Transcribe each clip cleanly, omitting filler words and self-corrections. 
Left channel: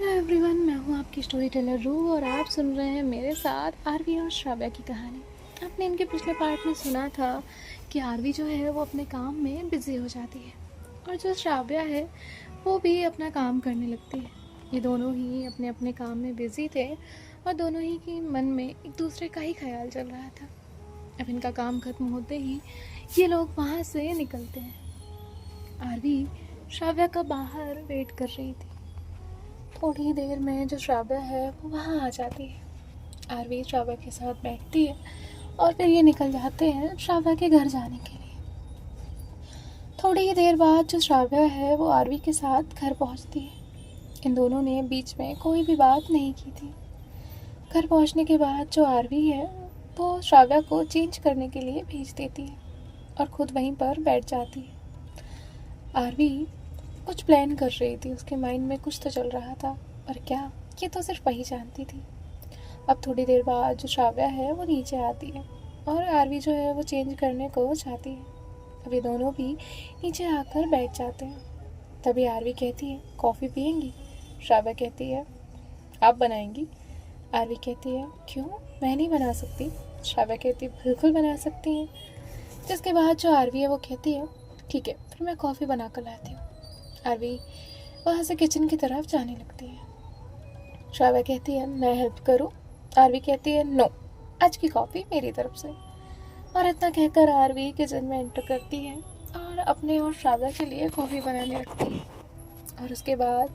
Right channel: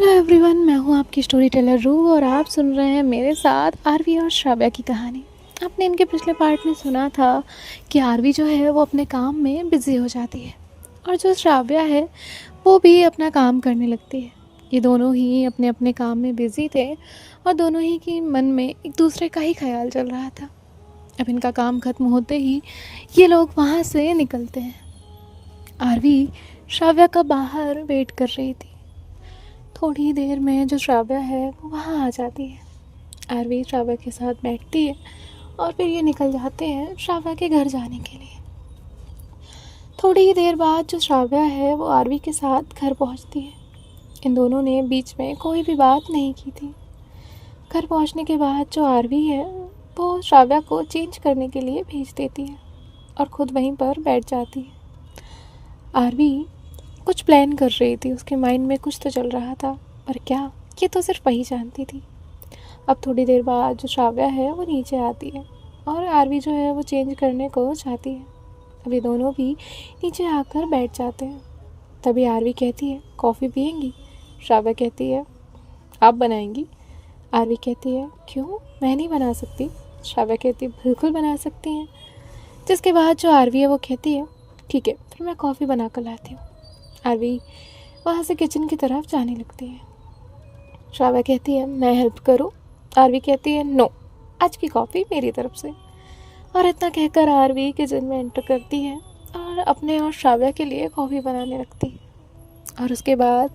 Hello everyone, मैं हूँ आपकी स्टोरी टेलर रू और आप सुन रहे हैं मेरे साथ आरवी और श्राव्या की कहानी। आपने इनके पिछले पार्ट में सुना था कि आरवी जो है वो अपने काम में बिज़ी हो जाती है और जो श्राव्या है वो भी अपना काम करने लगती है। ये दोनों ही अपने अपने काम में बिज़ी थे और दोनों ही के मन में एक दूसरे का ही ख्याल चल रहा था। अब इनका काम ख़त्म होते ही ये लोग वहाँ से निकलते हैं। आरवी श्राव्या का बाहर वेट कर रही थी। थोड़ी देर में जो श्राव्या है वो वहाँ आ जाती है। आरवी श्राव्या के साथ बैठती है और फिर ये निकल जाते हैं श्राव्या के घर जाने के लिए। थोड़ी ही देर बाद जो श्राव्या है वो आरवी के साथ घर पहुँचती है। इन दोनों ने बीच में कोई भी बात नहीं की थी। घर पहुँचने के बाद जो आरवी है वो श्राव्या को चेंज करने के लिए भेज देती है और ख़ुद वहीं पर बैठ जाती है। आरवी कुछ प्लान कर रही थी, उसके माइंड में कुछ तो चल रहा था, पर क्या, ये तो सिर्फ वही जानती थी। अब थोड़ी देर बाद जो श्राव्या है वो नीचे आती है और आरवी जो है वो चेंज करने को चाहती है। अब ये दोनों भी नीचे आकर बैठ जाते हैं। तभी आरवी कहती है, कॉफ़ी पियेंगी? श्राव्या कहती है, आप बनाएंगी? आरवी कहती है, क्यों, मैं नहीं बना सकती? श्राव्या कहती है, बिल्कुल बना सकती हैं। जिसके बाद जो आरवी है वो कहती है, ठीक है, फिर मैं कॉफ़ी बना कर लाती हूँ। आरवी वहाँ से किचन की तरफ जाने लगती है। श्राव्या कहती है, मैं हेल्प करूँ? आरवी कहती है, नो, आज की कॉफ़ी मेरी तरफ से। और इतना कहकर आरवी किचन में एंटर करती है और अपने और श्राव्या के लिए कॉफ़ी बनाने लगती है। और उसके बाद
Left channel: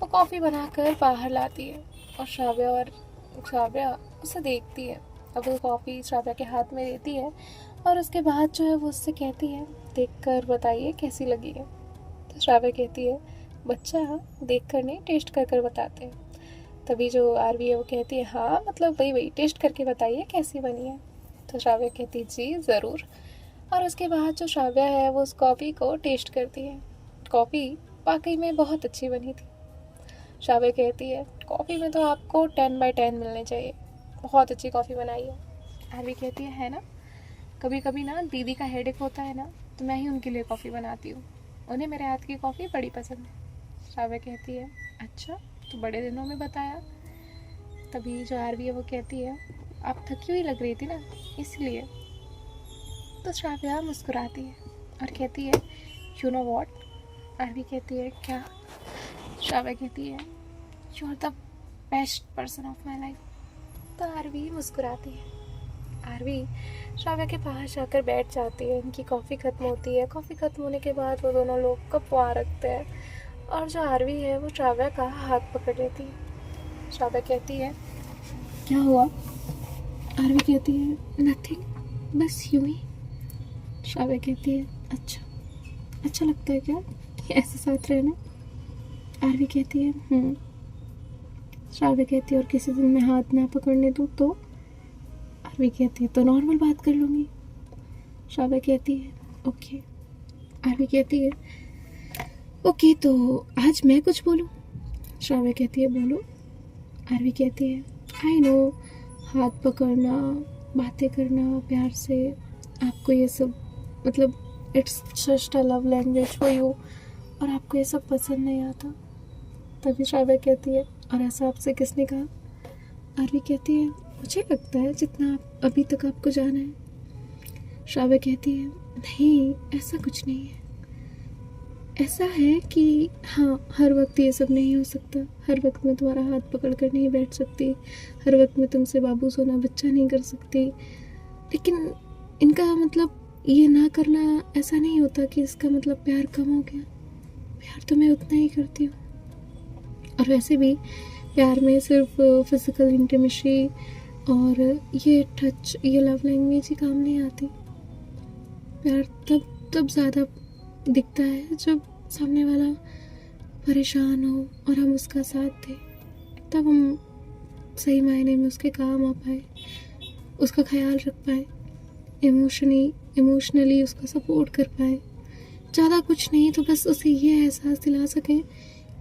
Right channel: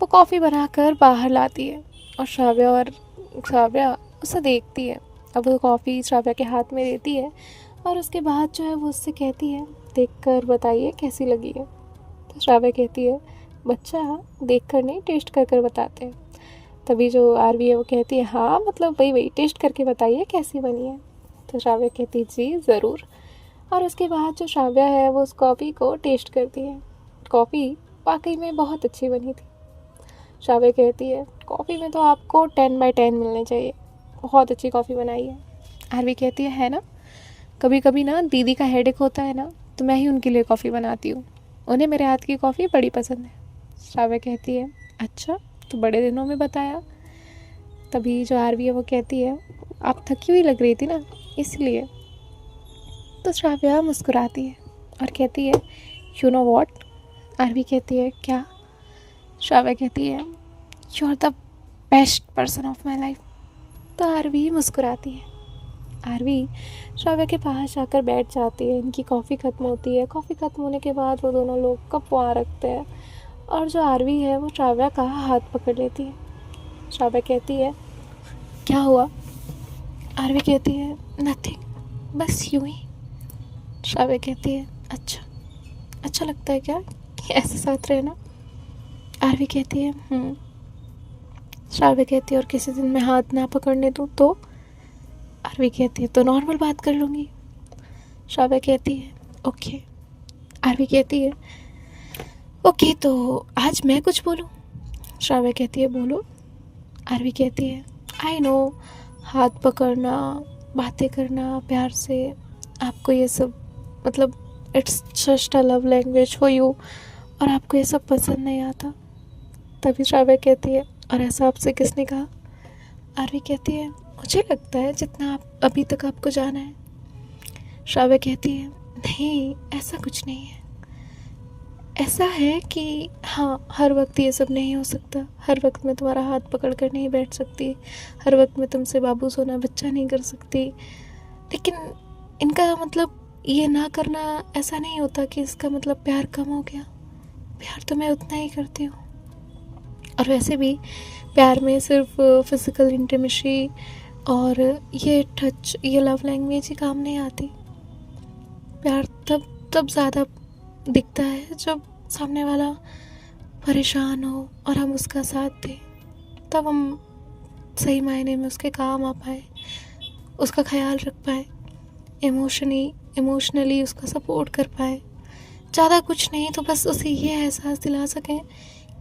वो कॉफ़ी बनाकर बाहर लाती है और श्राव्या उसे देखती है। अब वो कॉफ़ी श्राव्या के हाथ में देती है और उसके बाद जो है वो उससे कहती है, देख कर बताइए कैसी लगी है। तो श्राव्या कहती है, बच्चा देख कर नहीं, टेस्ट कर कर बताते हैं। तभी जो आरवी है वो कहती है, हाँ मतलब वही टेस्ट करके बताइए कैसी बनी है। तो श्राव्या कहती है, जी ज़रूर। और उसके बाद जो श्राव्या है वो उस कॉफ़ी को टेस्ट करती है। कॉफ़ी वाकई में बहुत अच्छी बनी थी। श्राव्या कहती है, कॉफ़ी में तो आपको 10/10 मिलने चाहिए, बहुत अच्छी कॉफ़ी बनाई है। आरवी कहती है ना, कभी कभी ना दीदी का हेडेक होता है ना, तो मैं ही उनके लिए कॉफ़ी बनाती हूँ, उन्हें मेरे हाथ की कॉफ़ी बड़ी पसंद है। श्राव्या कहती है, अच्छा, तो बड़े दिनों में बताया। तभी जो आरवी है वो कहती है, आप थकी हुई लग रही थी ना, इसलिए। तो श्राव्या मुस्कुराती है और कहती है, यू नो वॉट? आरवी कहती है, क्या? श्राव्या कहती है, you are the best person of my life. तो आरवी मुस्कुराती है। आरवी श्राव्या के पास जाकर बैठ जाती है। इनकी कॉफ़ी ख़त्म होती है। कॉफ़ी ख़त्म होने के बाद वो दोनों लोग कप वहाँ रखते हैं और जो आरवी है वो श्राव्या का हाथ पकड़ लेती है। श्राव्या कहती है, क्या हुआ? आरवी कहती है, नथिंग, बस यूं ही। श्राव्या कहती है, अच्छा लगता है क्या ऐसे साथ रहना? आरवी कहती है, श्राव्या कहती है, और किसी दिन मैं हाथ ना पकड़ने दूँ तो? आरवी कहती है, तो नॉर्मल बात कर लूँगी। श्राव्या कहती है, ओके। आरवी कहती है, ओके, तो आज मैं कुछ बोलूँ? श्राव्या कहती है, बोलो। आरवी कहती है, आई नो, हाथ पकड़ना, बातें करना प्यार से, आपको ये सब मतलब it's just a love language for you, और आपको ये सब पसंद नहीं आता। तभी श्राव्या कहती है, और ऐसा आपसे किसने कहा? आरवी कहती है, मुझे लगता है जितना आप अभी तक आपको जाना है। श्राव्या कहती है, नहीं, ऐसा कुछ नहीं है। ऐसा है कि हाँ, हर वक्त ये सब नहीं हो सकता। हर वक्त मैं तुम्हारा हाथ पकड़ कर नहीं बैठ सकती, हर वक्त मैं तुमसे बाबू सोना बच्चा नहीं कर सकती। लेकिन इनका मतलब ये ना करना ऐसा नहीं होता कि इसका मतलब प्यार कम हो गया। प्यार तो मैं उतना ही करती हूँ। और वैसे भी प्यार में सिर्फ फिज़िकल इंटीमेसी और ये टच, ये लव लैंग्वेज ही काम नहीं आती। प्यार तब ज़्यादा दिखता है जब सामने वाला परेशान हो और हम उसका साथ दें, तब हम सही मायने में उसके काम आ पाए, उसका ख्याल रख पाए, इमोशनली उसका सपोर्ट कर पाए। ज़्यादा कुछ नहीं तो बस उसे ये एहसास दिला सकें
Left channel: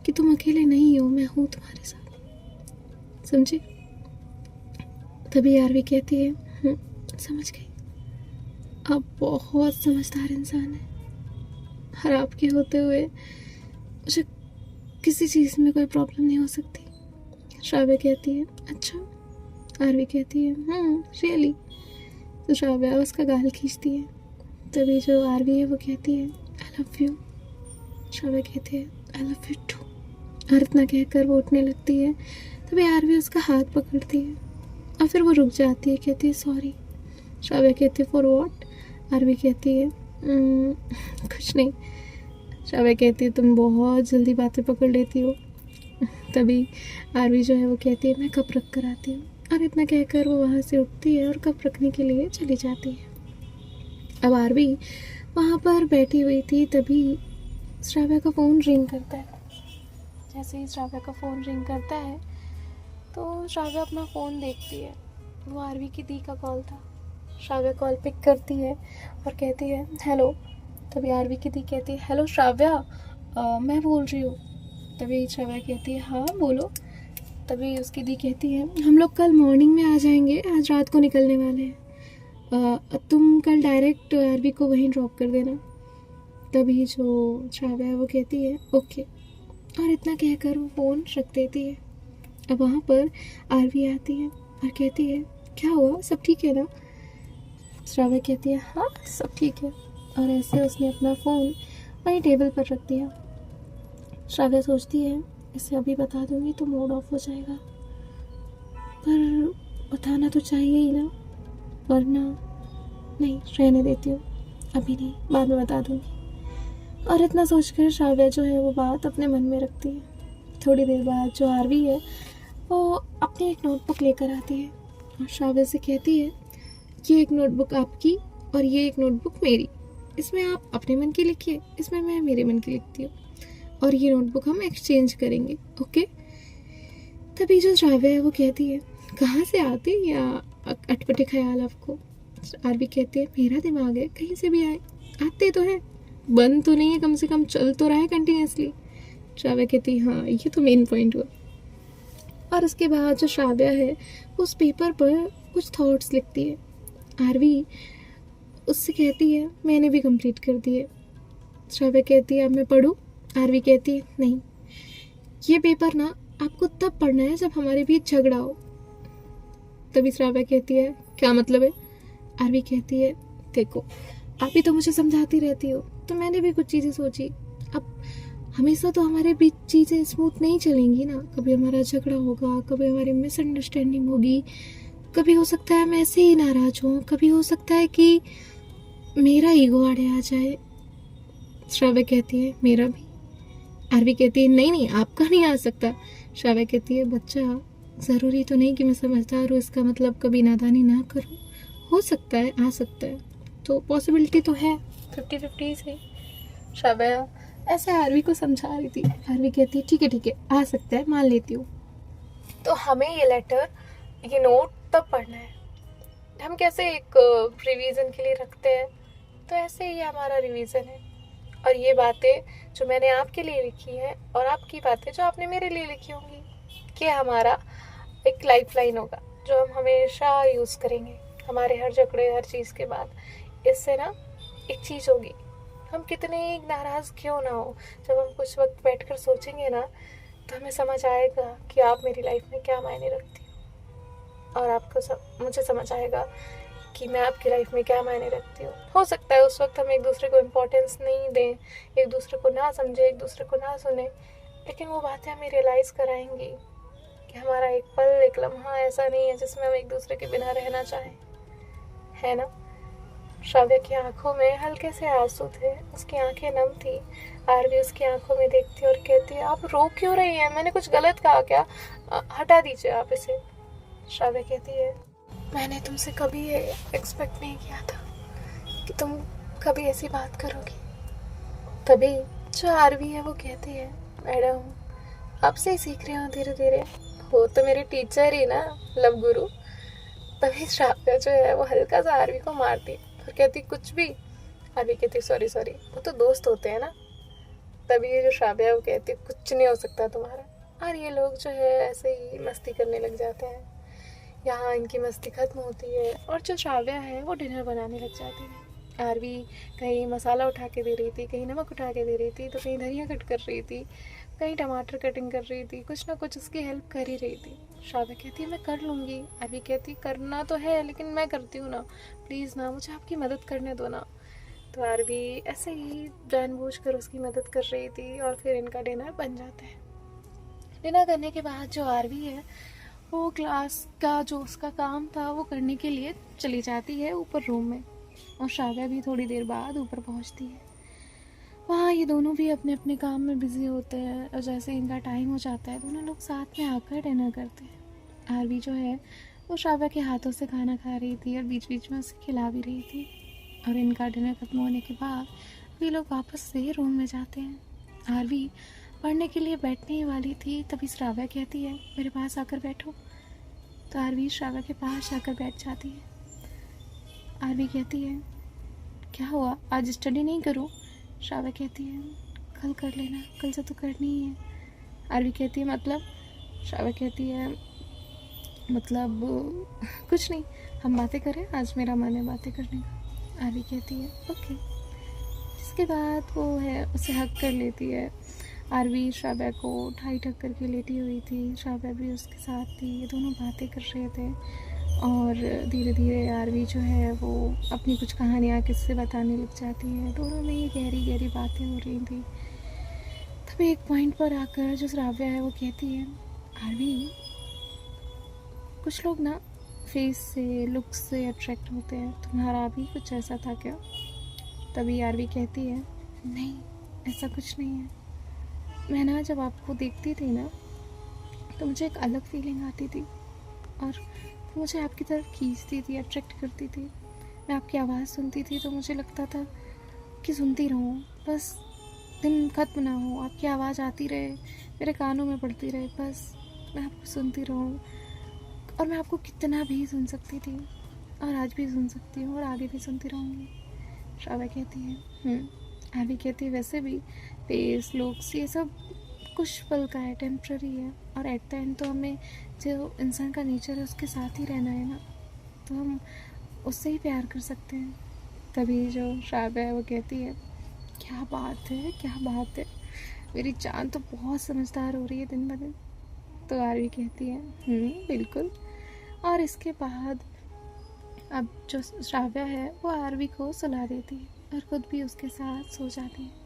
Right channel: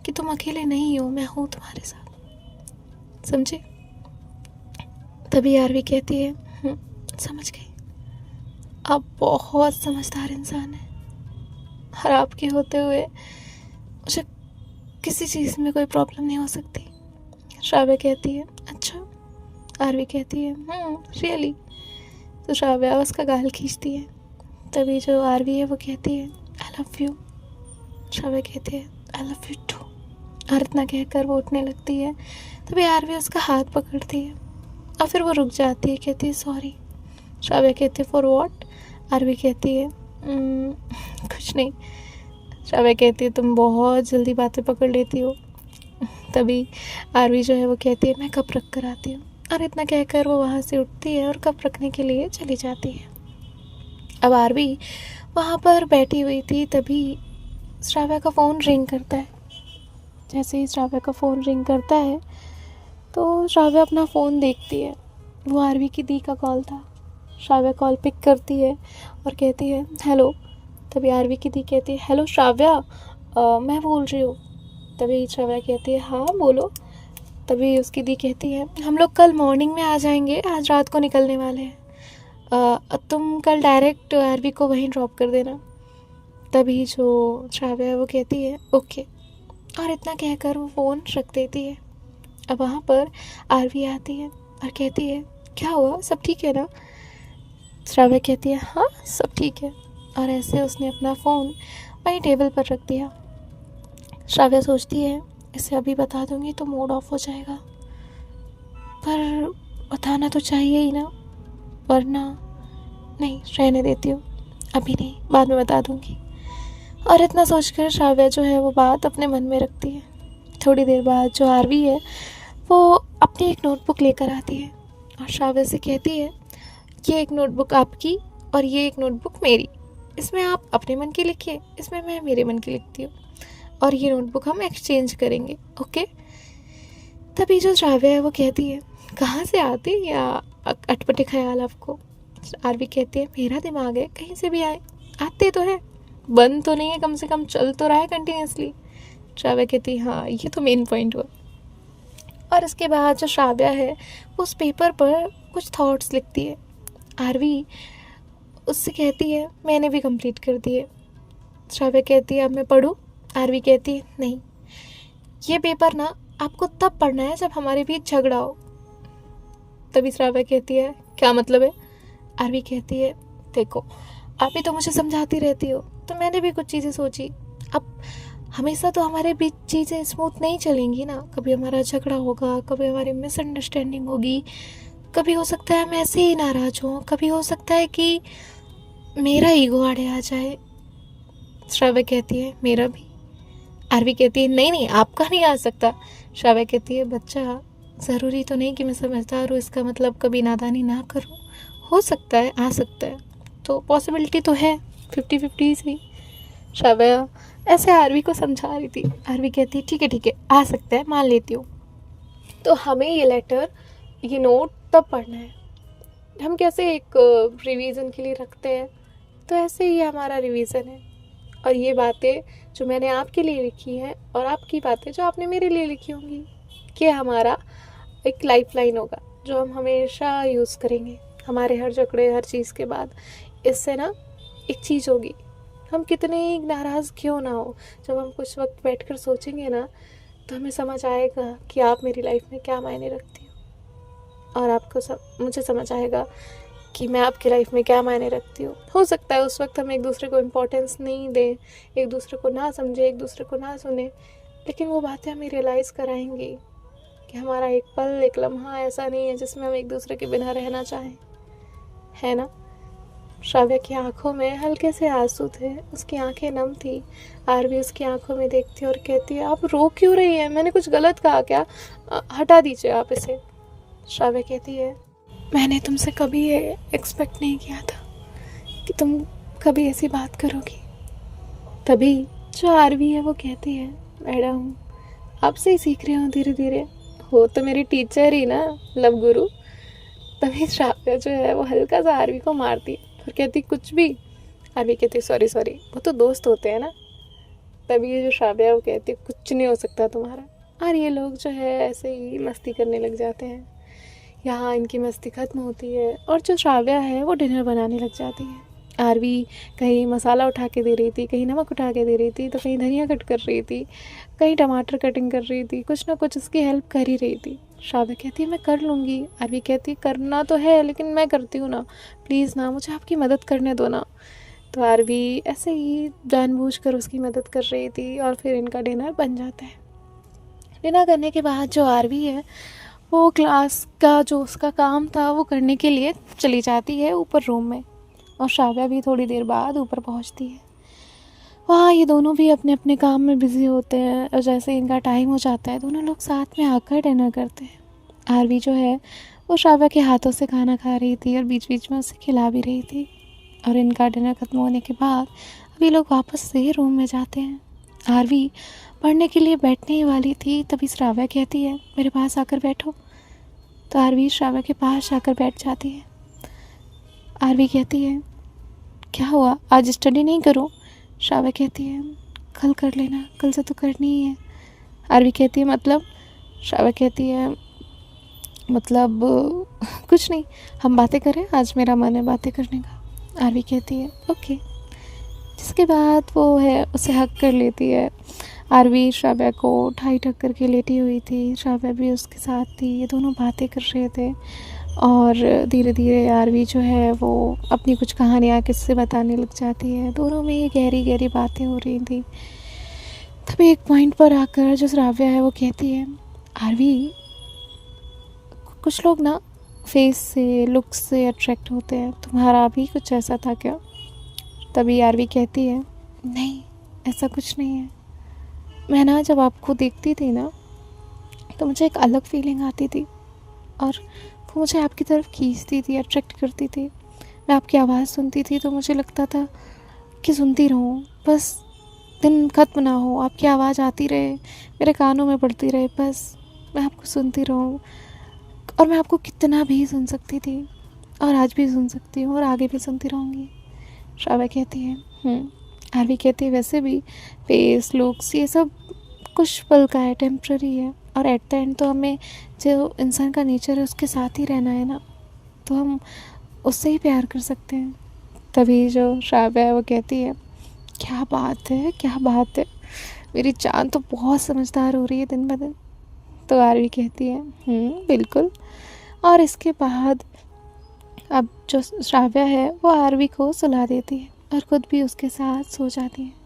कि तुम अकेले नहीं हो, मैं हूँ तुम्हारे साथ, समझे? तभी आरवी कहती है, समझ गई, आप बहुत समझदार इंसान हैं और आपके होते हुए मुझे किसी चीज़ में कोई प्रॉब्लम नहीं हो सकती। श्राव्या कहती है अच्छा। आरवी कहती है रियली। तो श्राव्या उसका गाल खींचती है। तभी जो आरवी है वो कहती है आई लव यू। श्राव्या कहती है आई लव यू टू। और इतना कहकर वो उठने लगती है। तभी आरवी उसका हाथ पकड़ती है और फिर वो रुक जाती है, कहती है सॉरी। श्राव्या कहती है फॉर व्हाट। आरवी कहती है कुछ नहीं। श्राव्या कहती है तुम बहुत जल्दी बातें पकड़ लेती हो। तभी आरवी जो है वो कहती है मैं कप रख कर आती हूँ। और इतना कहकर वो वहाँ से उठती है और कप रखने के लिए चली जाती है। अब आरवी वहाँ पर बैठी हुई थी, तभी श्राव्या का फ़ोन रिंग करता है। जैसे ही श्राव्या का फ़ोन रिंग करता है तो श्राव्या अपना फ़ोन देखती है। वो आरवी की दी का कॉल था। श्राव्या कॉल पिक करती है और कहती है हेलो। तभी आरवी की दी कहती है हेलो श्राव्या, मैं बोल रही हूँ। तभी श्राव्या कहती है हाँ बोलो। तभी उसकी दी कहती है हम लोग कल मॉर्निंग में आ जाएंगे, आज रात को निकलने वाले हैं। तुम कल डायरेक्ट आरवी को वहीं ड्रॉप कर देना। तभी जो श्राव्या है वो कहती है ओके। और इतना कहकर वो फ़ोन रख देती है। अब वहाँ पर आरवी आती है और कहती है क्या हुआ, सब ठीक है ना। श्राव्या कहती है हाँ सब ठीक है। और ऐसे उसने अपना फ़ोन वहीं टेबल पर रख दिया। श्राव्या सोचती है इसे अभी बता दूंगी तो मूड ऑफ हो जाएगा, पर बताना तो चाहिए ही ना, वरना नहीं रहने देती हूँ, अभी नहीं बाद में बता दूंगी। और इतना सोचकर श्राव्या जो है वो बात अपने मन में रखती है। थोड़ी देर बाद जो आरवी है वो अपनी एक नोटबुक लेकर आती है और श्राव्या से कहती है ये एक नोटबुक आपकी और ये एक नोटबुक मेरी, इसमें आप अपने मन की लिखिए, इसमें मैं मेरे मन की लिखती हूँ और ये नोटबुक हम एक्सचेंज करेंगे ओके। तभी जो श्राव्या है वो कहती है कहाँ से आते या अटपटे ख्याल आपको। आरवी कहती है मेरा दिमाग है, कहीं से भी आए, आते तो है, बंद तो नहीं है, कम से कम चल तो रहा है कंटिन्यूसली। श्राव्या कहती है हाँ ये तो मेन पॉइंट हुआ। और इसके बाद जो श्राव्या है उस पेपर पर कुछ थॉट्स लिखती है। आरवी उससे कहती है मैंने भी कंप्लीट कर दिए। श्राव्या कहती है अब मैं पढूं। आरवी कहती है नहीं, ये पेपर ना आपको तब पढ़ना है जब हमारे बीच झगड़ा हो। तभी श्राव्या कहती है क्या मतलब है। आरवी कहती है देखो आप ही तो मुझे समझाती रहती हो, तो मैंने भी कुछ चीज़ें सोची। अब हमेशा तो हमारे बीच चीज़ें स्मूथ नहीं चलेंगी ना, कभी हमारा झगड़ा होगा, कभी हमारी मिसअंडरस्टैंडिंग होगी, कभी हो सकता है हम ऐसे ही नाराज़ हों, कभी हो सकता है कि मेरा ईगो आड़े आ जाए। श्राव्या कहती है मेरा भी। आरवी कहती है नहीं नहीं आपका नहीं आ सकता। श्राव्या कहती है बच्चा ज़रूरी तो नहीं कि मैं समझदार हूँ, इसका मतलब कभी नादानी ना करूँ, हो सकता है आ सकता है, तो पॉसिबिलिटी तो है 50-50 ही। श्राव्या ऐसे आरवी को समझा रही थी। आरवी कहती है ठीक है आ सकता है, मान लेती हूँ, तो हमें ये लेटर ये नोट तब पढ़ना है। हम कैसे एक रिवीजन के लिए रखते हैं, तो ऐसे ही हमारा रिवीजन है। और ये बातें जो मैंने आपके लिए लिखी हैं और आपकी बातें जो आपने मेरे लिए लिखी होंगी, ये हमारा एक लाइफ लाइन होगा जो हम हमेशा यूज़ करेंगे हमारे हर झगड़े हर चीज़ के बाद। इससे ना एक चीज़ होगी, हम कितने ही नाराज़ क्यों ना हो, जब हम कुछ वक्त बैठकर सोचेंगे ना तो हमें समझ आएगा कि आप मेरी लाइफ में क्या मायने रखती हो और आपको मुझे समझ आएगा कि मैं आपकी लाइफ में क्या मायने रखती हूँ। हो सकता है उस वक्त हम एक दूसरे को इम्पोर्टेंस नहीं दें, एक दूसरे को ना समझें, एक दूसरे को ना सुने, लेकिन वो बातें हमें रियलाइज़ कराएंगी कि हमारा एक पल एक लम्हा ऐसा नहीं है जिसमें हम एक दूसरे के बिना रहना चाहें, है ना। श्राव्या की आंखों में हल्के से आंसू थे, उसकी आंखें नम थी। आरवी उसकी आंखों में देखती और कहती है आप रो क्यों रही हैं, मैंने कुछ गलत कहा क्या, हटा दीजिए आप इसे। श्राव्या कहती है मैंने तुमसे कभी ये एक्सपेक्ट नहीं किया था कि तुम कभी ऐसी बात करोगी। तभी जो आरवी है वो कहती है मैडम आपसे ही सीख रही हूँ धीरे धीरे, हो तो मेरी टीचर ही ना, लव गुरु। तभी श्राव्या जो है वो हल्का सा आरवी को मारती और कहती कुछ भी। आरवी कहती सॉरी वो तो दोस्त होते हैं ना। तभी ये जो श्राव्या है वो कहती कुछ नहीं हो सकता तुम्हारा। और ये लोग जो है ऐसे ही मस्ती करने लग जाते हैं। यहाँ इनकी मस्ती ख़त्म होती है और जो श्राव्या है वो डिनर बनाने लग जाती है। आरवी कहीं मसाला उठा के दे रही थी, कहीं नमक उठा के दे रही थी, तो कहीं धनिया कट कर रही थी, कहीं टमाटर कटिंग कर रही थी, कुछ ना कुछ उसकी हेल्प कर ही रही थी। श्राव्या कहती है मैं कर लूँगी। आरवी कहती है करना तो है लेकिन मैं करती हूँ ना, प्लीज़ ना, मुझे आपकी मदद करने दो ना। तो आरवी ऐसे ही जानबूझकर उसकी मदद कर रही थी और फिर इनका डिनर बन जाता है। डिनर करने के बाद जो आरवी है वो क्लास का जो उसका काम था वो करने के लिए चली जाती है ऊपर रूम में, और श्राव्या भी थोड़ी देर बाद ऊपर पहुंचती है। वहाँ ये दोनों भी अपने अपने काम में बिज़ी होते हैं, और जैसे इनका टाइम हो जाता है दोनों लोग साथ में आकर डिनर करते हैं। आरवी जो है वो श्राव्या के हाथों से खाना खा रही थी और बीच बीच में उसे खिला भी रही थी। और इनका डिनर ख़त्म होने के बाद अभी लोग वापस से रूम में जाते हैं। आरवी पढ़ने के लिए बैठने ही वाली थी, तभी श्राव्या कहती है मेरे पास आकर बैठो। तो आरवी श्राव्या के पास जाकर बैठ जाती है। आरवी कहती है क्या हुआ, आज स्टडी नहीं करो? श्राव्या कहती है कल कर लेना, कल से तो करनी ही है। आरवी कहती है मतलब? श्राव्या कहती है मतलब कुछ नहीं, हम बातें करें, आज मेरा मन है बातें करने का। आरवी कहती है ओके। जिसके बाद वो है उसे हक कर लेती है। आरवी श्राव्या को ठाई ठक करके लेटी हुई थी, श्राव्या भी उसके साथ थी, ये दोनों बातें कर रहे थे। और धीरे धीरे आरवी जो है वो अपनी कुछ कहानियाँ किससे बताने लग जाती है। दोनों में ये गहरी गहरी बातें हो रही थी। तभी एक पॉइंट पर आकर जो श्राव्या है वो कहती है आरवी कुछ लोग ना फेस से, लुक से अट्रैक्ट होते हैं, तुम्हारा भी कुछ ऐसा था क्या? तभी आरवी कहती है नहीं, ऐसा कुछ नहीं है। मैं ना जब आपको देखती थी ना तो मुझे एक अलग फीलिंग आती थी, और वो मुझे आपकी तरफ खींचती थी, अट्रैक्ट करती थी। मैं आपकी आवाज़ सुनती थी तो मुझे लगता था कि सुनती रहूँ, बस दिन ख़त्म ना हो, आपकी आवाज़ आती रहे, मेरे कानों में पड़ती रहे, बस मैं आपको सुनती रहूँ। और मैं आपको कितना भी सुन सकती थी, और आज भी सुन सकती हूँ, और आगे भी सुनती रहूँगी। श्राव्या कहती है आरवी कहती है वैसे भी फेस, लुक्स, ये सब कुछ पल का है, टेम्प्ररी है, और एट द एंड तो हमें जो इंसान का नेचर है उसके साथ ही रहना है ना, तो हम उससे ही प्यार कर सकते हैं। तभी जो श्राव्या है वो कहती है क्या बात है, क्या बात है, मेरी जान तो बहुत समझदार हो रही है दिन ब दिन। तो आरवी कहती है बिल्कुल। और इसके बाद अब जो श्राव्या है वो आरवी को सुला देती है और ख़ुद भी उसके साथ सो जाती है।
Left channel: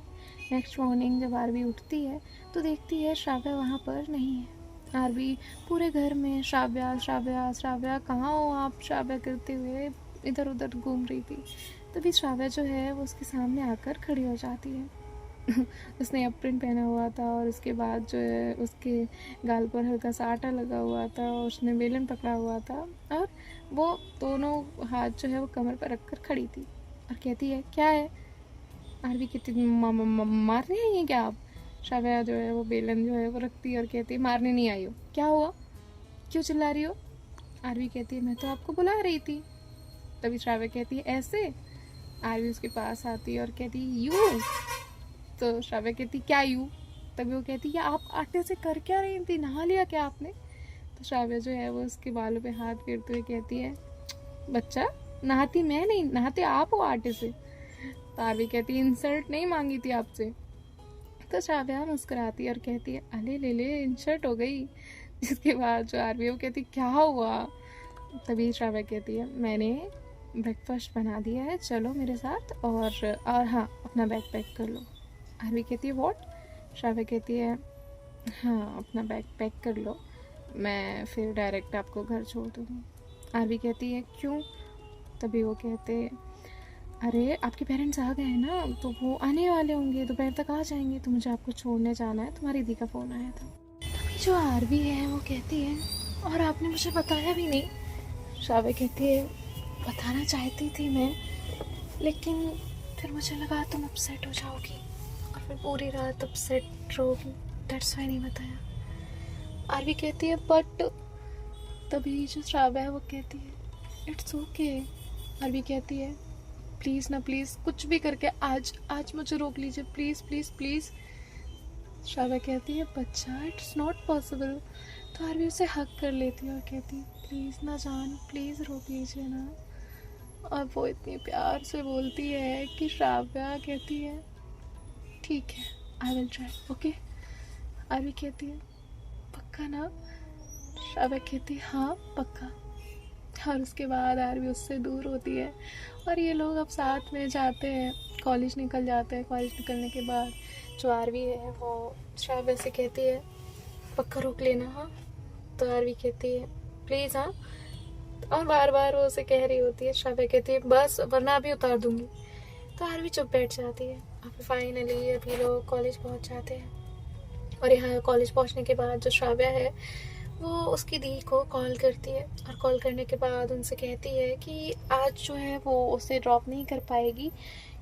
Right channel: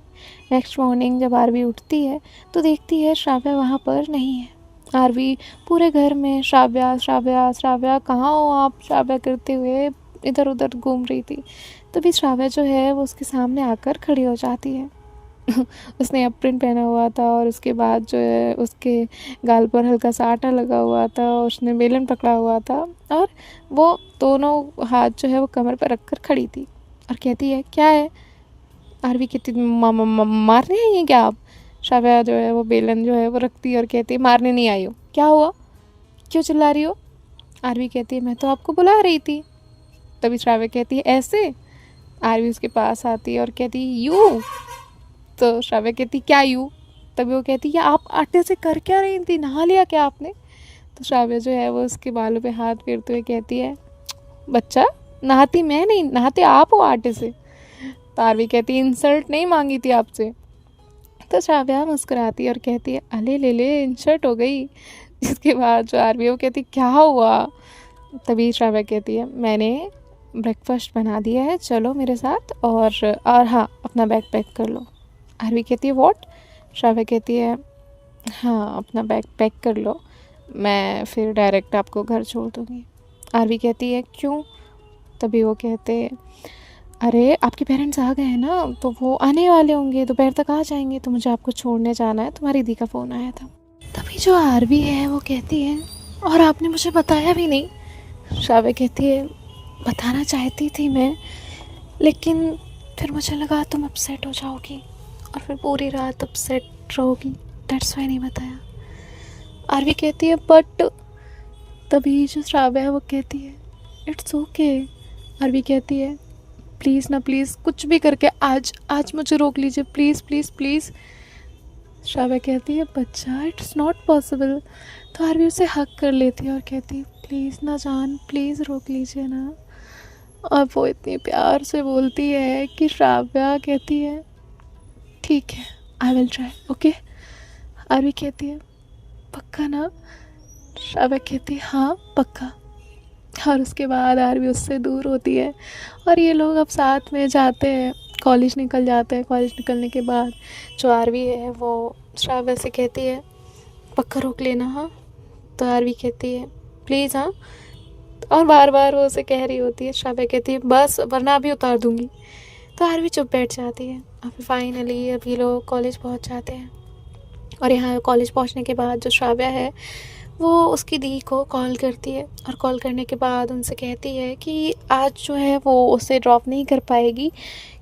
नेक्स्ट मॉर्निंग जब आरवी उठती है तो देखती है श्राव्या वहाँ पर नहीं है। आरवी पूरे घर में श्राव्या श्राव्या श्राव्या कहाँ हो आप, श्राव्या करते हुए इधर उधर घूम रही थी। तभी श्राव्या जो है वो उसके सामने आकर खड़ी हो जाती है। उसने अप्रिन पहना हुआ था, और उसके बाद जो है उसके गाल पर हल्का सा आटा लगा हुआ था, उसने बेलन पकड़ा हुआ था, और वो दोनों हाथ जो है वो कमर पर रख कर खड़ी थी और कहती है क्या है? आरवी कहती मारने आई हैं क्या आप? श्राव्या जो है वो बेलन जो है वो रखती है और कहती है मारने नहीं आई हो, क्या हुआ, क्यों चिल्ला रही हो? आरवी कहती है मैं तो आपको बुला रही थी। तभी श्राव्या कहती है ऐसे? आरवी उसके पास आती है और कहती है यू। तो श्राव्या कहती क्या यू? तभी वो कहती है आप आटे से कर क्या रही थी, नहा लिया क्या आपने? तो श्राव्या जो है वो उसके बालों पे हाथ फेरते हुए कहती है बच्चा, नहाती मैं नहीं, नहाते आप हो आटे से। तो आरवी कहती है इंसल्ट नहीं मांगी थी आपसे। तो श्राव्या मुस्कुराती है और कहती है अले ले ले, इंसल्ट हो गई। जिसके बाद जो आरवी है वो कहती क्या हुआ? तभी श्राव्या कहती है मैंने ब्रेकफास्ट बना दिया है, चलो मेरे साथ, और हाँ अपना बैग पैक कर लो। आरवी कहती है व्हाट? श्राव्या कहती है हाँ अपना बैग पैक कर लो, मैं फिर डायरेक्ट आपको घर छोड़ दूँगी। आरवी कहती है क्यों? तभी वो कहते हैं अरे आपके पेरेंट्स आ गए हैं ना, तो वो आने वाले होंगे, दोपहर तक आ जाएंगे, तो मुझे आपको छोड़ने जाना है, तुम्हारी दी का फ़ोन आया था। तभी जो आरवी है वो कहती है और आपने मुझे बताया भी नहीं। श्राव्या कहती है बताना चाहती थी मैं, लेकिन फिर मुझे लगा तुम अपसेट हो जाओगी और फिर पूरी रात अपसेट रहोगी, दैट्स वाई नहीं बताया। आरवी कहती है बट। तभी जो श्राव्या है वो कहती है इट्स ओके। आरवी कहती है प्लीज़ ना, प्लीज़ कुछ भी करके आज मुझे रोक लीजिए, प्लीज़ प्लीज़ प्लीज़। श्राव्या कहती है बच्चा इट्स नॉट पॉसिबल। तो आरवी उसे हक कर लेती है और कहती है प्लीज़ ना जान, प्लीज़ रोक लीजिए ना। और वो इतनी प्यार से बोलती है कि श्राव्या कहती है ठीक है, I will try, okay. Aarvi कहती है पक्का ना? श्राव्या कहती है हाँ पक्का। और उसके बाद आरवी उससे दूर होती है और ये लोग अब साथ में जाते हैं, कॉलेज निकल जाते हैं। कॉलेज निकलने के बाद जो आरवी है वो श्राव्या से कहती है पक्का रोक लेना हाँ। तो आरवी कहती है प्लीज़ हाँ। और बार बार वो उसे कह रही होती है। श्राव्या कहती है बस वरना अभी उतार दूँगी। तो आरवी चुप बैठ जाती है। अब फाइनली अभी लोग कॉलेज पहुंच जाते हैं और यहाँ कॉलेज पहुंचने के बाद जो श्राव्या है वो उसकी दी को कॉल करती है और कॉल करने के बाद उनसे कहती है कि आज जो है वो उसे ड्रॉप नहीं कर पाएगी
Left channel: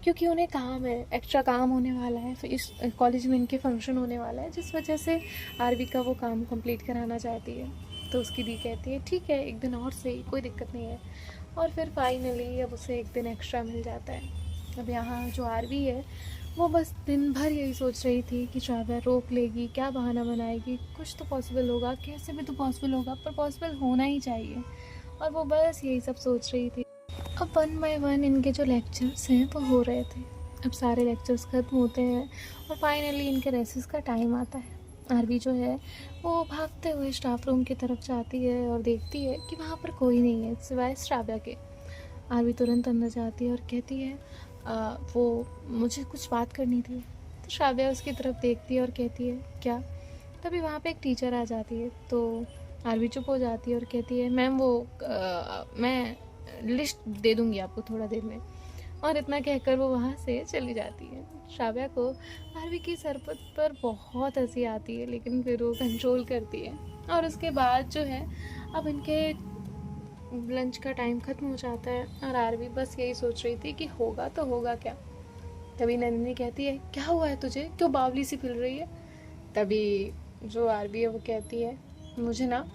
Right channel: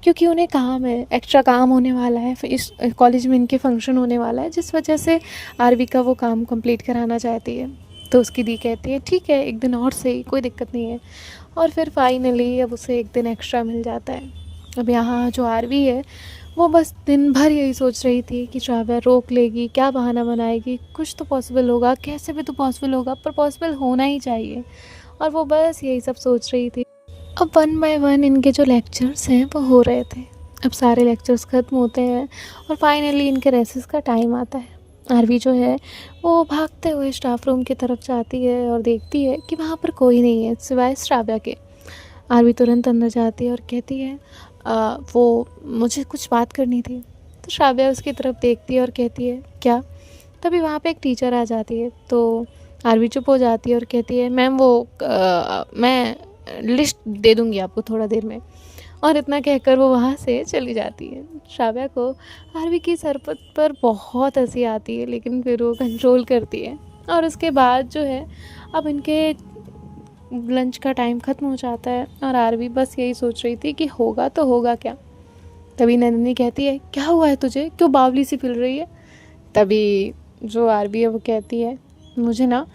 क्योंकि उन्हें काम है, एक्स्ट्रा काम होने वाला है। फिर इस कॉलेज में इनके फंक्शन होने वाला है जिस वजह से आरवी का वो काम कंप्लीट कराना चाहती है। तो उसकी दी कहती है ठीक है एक दिन और सही, कोई दिक्कत नहीं है। और फिर फाइनली अब उसे एक दिन एक्स्ट्रा मिल जाता है। अब यहाँ जो आरवी है वो बस दिन भर यही सोच रही थी कि श्राव्या रोक लेगी, क्या बहाना बनाएगी, कुछ तो पॉसिबल होगा, कैसे भी तो पॉसिबल होगा, पर पॉसिबल होना ही चाहिए। और वो बस यही सब सोच रही थी। अब 1 बाय 1 इनके जो लेक्चर्स हैं वो हो रहे थे। अब सारे लेक्चर्स ख़त्म होते हैं और फाइनली इनके रेसेस का टाइम आता है। आरवी जो है वो भागते हुए स्टाफ रूम की तरफ जाती है और देखती है कि वहाँ पर कोई नहीं है सिवाय श्राव्या के। आरवी तुरंत अंदर जाती है और कहती है वो मुझे कुछ बात करनी थी। तो श्राव्या उसकी तरफ देखती है और कहती है क्या? तभी वहाँ पे एक टीचर आ जाती है। तो आरवी चुप हो जाती है और कहती है मैम वो मैं लिस्ट दे दूँगी आपको थोड़ा देर में। और इतना कहकर वो वहाँ से चली जाती है। श्राव्या को आरवी की सरपत पर बहुत हंसी आती है लेकिन फिर वो कंट्रोल करती है। और उसके बाद जो है अब इनके लंच का टाइम ख़त्म हो जाता है और आरवी बस यही सोच रही थी कि होगा तो होगा क्या। तभी नंदिनी कहती है क्या हुआ है तुझे, क्यों बावली सी फिर रही है? तभी जो आरवी है वो कहती है मुझे ना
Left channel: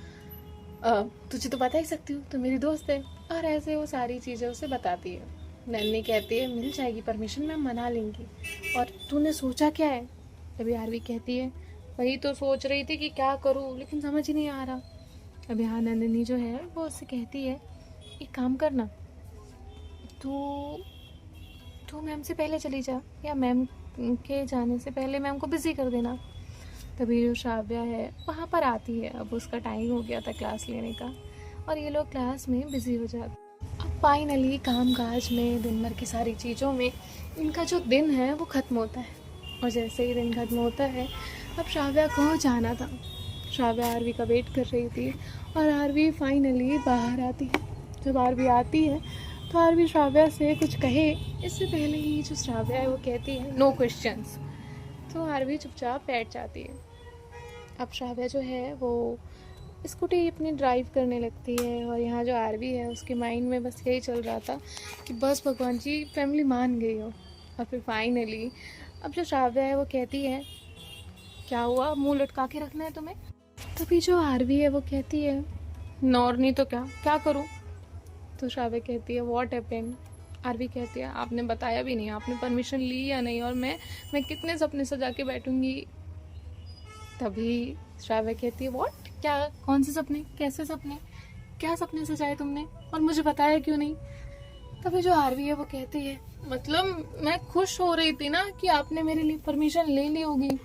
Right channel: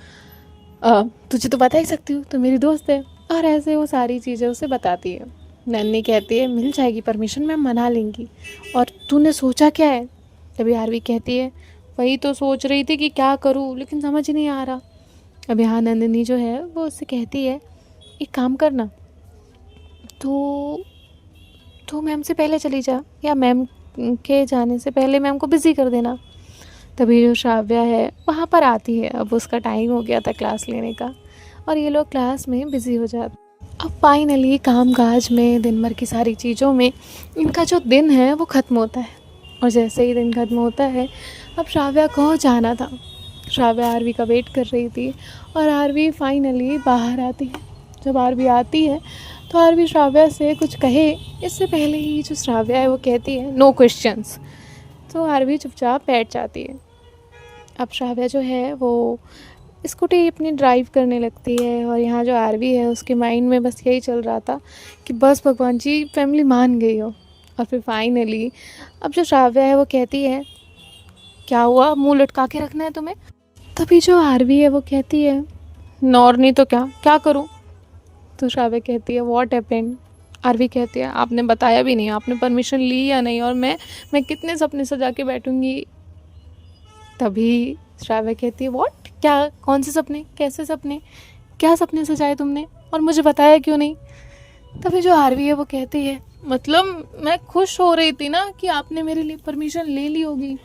तुझे तो बता ही सकती हूँ, तो मेरी दोस्त है। और ऐसे वो सारी चीज़ें उसे बताती है। नंदिनी कहती है मिल जाएगी परमिशन, मैम मना लेंगी, और तूने सोचा क्या है? तभी आरवी कहती है वही तो सोच रही थी कि क्या करूँ लेकिन समझ ही नहीं आ रहा। अब यहाँ नंदिनी जो है वो उससे कहती है एक काम करना, तो मैम से पहले चली जा या मैम के जाने से पहले मैम को बिज़ी कर देना। तभी जो श्राव्या है वहाँ पर आती है। अब उसका टाइम हो गया था क्लास लेने का और ये लोग क्लास में बिज़ी हो जाते। अब फाइनली काम काज में दिन भर की सारी चीज़ों में इनका जो दिन है वो ख़त्म होता है। और जैसे ही दिन ख़त्म होता है अब श्राव्या को जाना था। श्राव्या आरवी का वेट कर रही थी और आरवी फाइनली बाहर आती है। जब आरवी आती है तो आरवी श्राव्या से कुछ कहे इससे पहले ही जो श्राव्या है वो कहती है नो क्वेश्चंस। तो आरवी चुपचाप बैठ जाती है। अब श्राव्या जो है वो स्कूटी अपनी ड्राइव करने लगती है और यहाँ जो आरवी है उसके माइंड में बस यही चल रहा था कि बस भगवान जी फैमिली मान गई हो। और फिर फाइनली अब जो श्राव्या है वो कहती है क्या हुआ, मुंह लटका के रखना है तुम्हें? तभी जो आरवी है वो कहती है नॉर नहीं तो क्या क्या करूँ? तो श्राव्या कहती है व्हाट हैपेंड? आरवी कहती है आपने बताया भी नहीं, आपने परमिशन ली या नहीं, और मैं कितने सपने सजा के बैठूंगी। तभी श्राव्या कहती है व्हाट, क्या, कौन से सपने, कैसे सपने, क्या सपने सजाए तुमने और मुझे बताया क्यों नहीं? तभी जो आरवी है वो कहती है मतलब मैं खुश हो रही थी ना कि आपने मेरे लिए परमिशन ले ली होगी,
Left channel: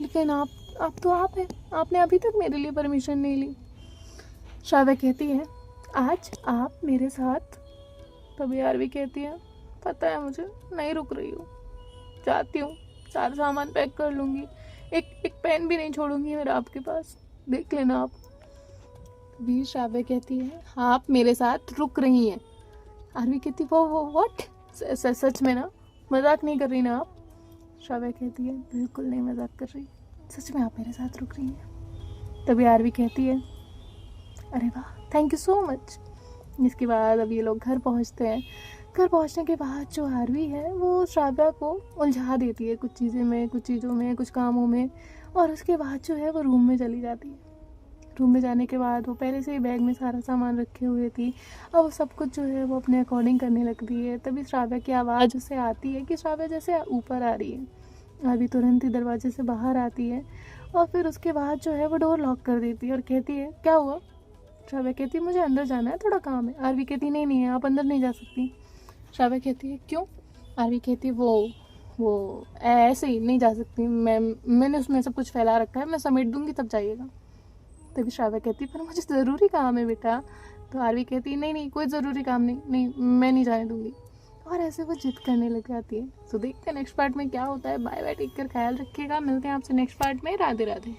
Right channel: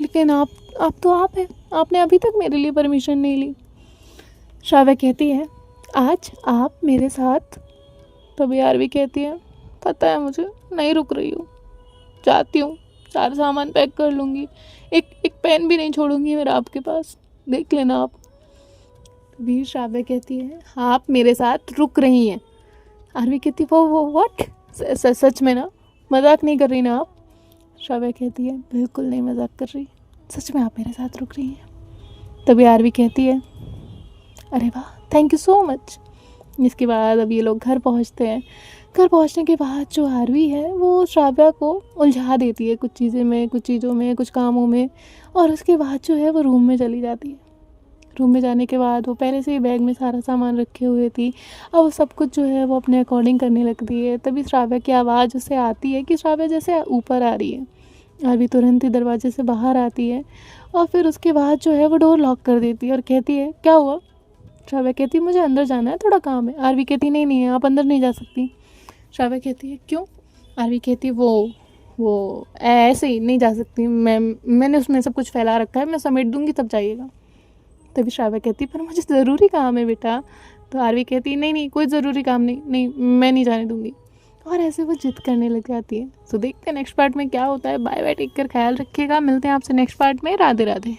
लेकिन आप तो आप हैं, आपने अभी तक मेरे लिए परमिशन नहीं ली। श्राव्या कहती है आज आप मेरे साथ। तभी आरवी कहती है पता है मुझे, नहीं रुक रही हूँ, जाती हूँ, सारा सामान पैक कर लूँगी, एक पेन भी नहीं छोड़ूंगी मेरा आपके पास, देख लेना आप। तभी श्राव्या कहती है आप मेरे साथ रुक रही हैं। आरवी कहती है वो व्हाट, सच में ना, मजाक नहीं कर रही ना आप? श्राव्या कहती है बिल्कुल नहीं मजाक कर रही, सच में आप मेरे साथ रुक रही हैं। तभी आरवी कहती है अरे वाह थैंक यू सो मच। इसके बाद अब ये लोग घर पहुंचते हैं। घर पहुंचने के बाद जो आरवी है वो श्राव्या को उलझा देती है कुछ चीज़ों में, कुछ कामों में, और उसके बाद जो है वो रूम में चली जाती है। रूम में जाने के बाद वो पहले से ही बैग में सारा सामान रखे हुए थी, अब वो सब कुछ जो है वो अपने अकॉर्डिंग करने लगती है। तभी श्राव्या की आवाज़ उसे आती है कि श्राव्या जैसे ऊपर आ रही है। आरवी तुरंत ही दरवाजे से बाहर आती है और फिर उसके बाद जो है वो डोर लॉक कर देती है और कहती है क्या हुआ? श्राव्या कहती है मुझे अंदर जाना है, थोड़ा काम है। आरवी कहती नहीं आप अंदर नहीं जा सकती, श्राव्या कहती है क्यों? आरवी कहती है वो ऐसे ही नहीं जा सकती, मैंने उसमें सब कुछ फैला रखा है, मैं समेट दूंगी तब जाइएगा। तभी श्राव्या कहती पर मुझे ज़रूरी काम है बेटा। तो आरवी कहती नहीं नहीं कोई ज़रूरी काम नहीं, नहीं मैं नहीं जाने दूंगी। और ऐसे वो जिद करने लग जाती है। तो देखते हैं नेक्स्ट पार्ट में क्या होता है। बाय बाय, टेक कर ख्याल रखिएगा, मिलते हैं आपसे नेक्स्ट पार्ट में। राधे राधे।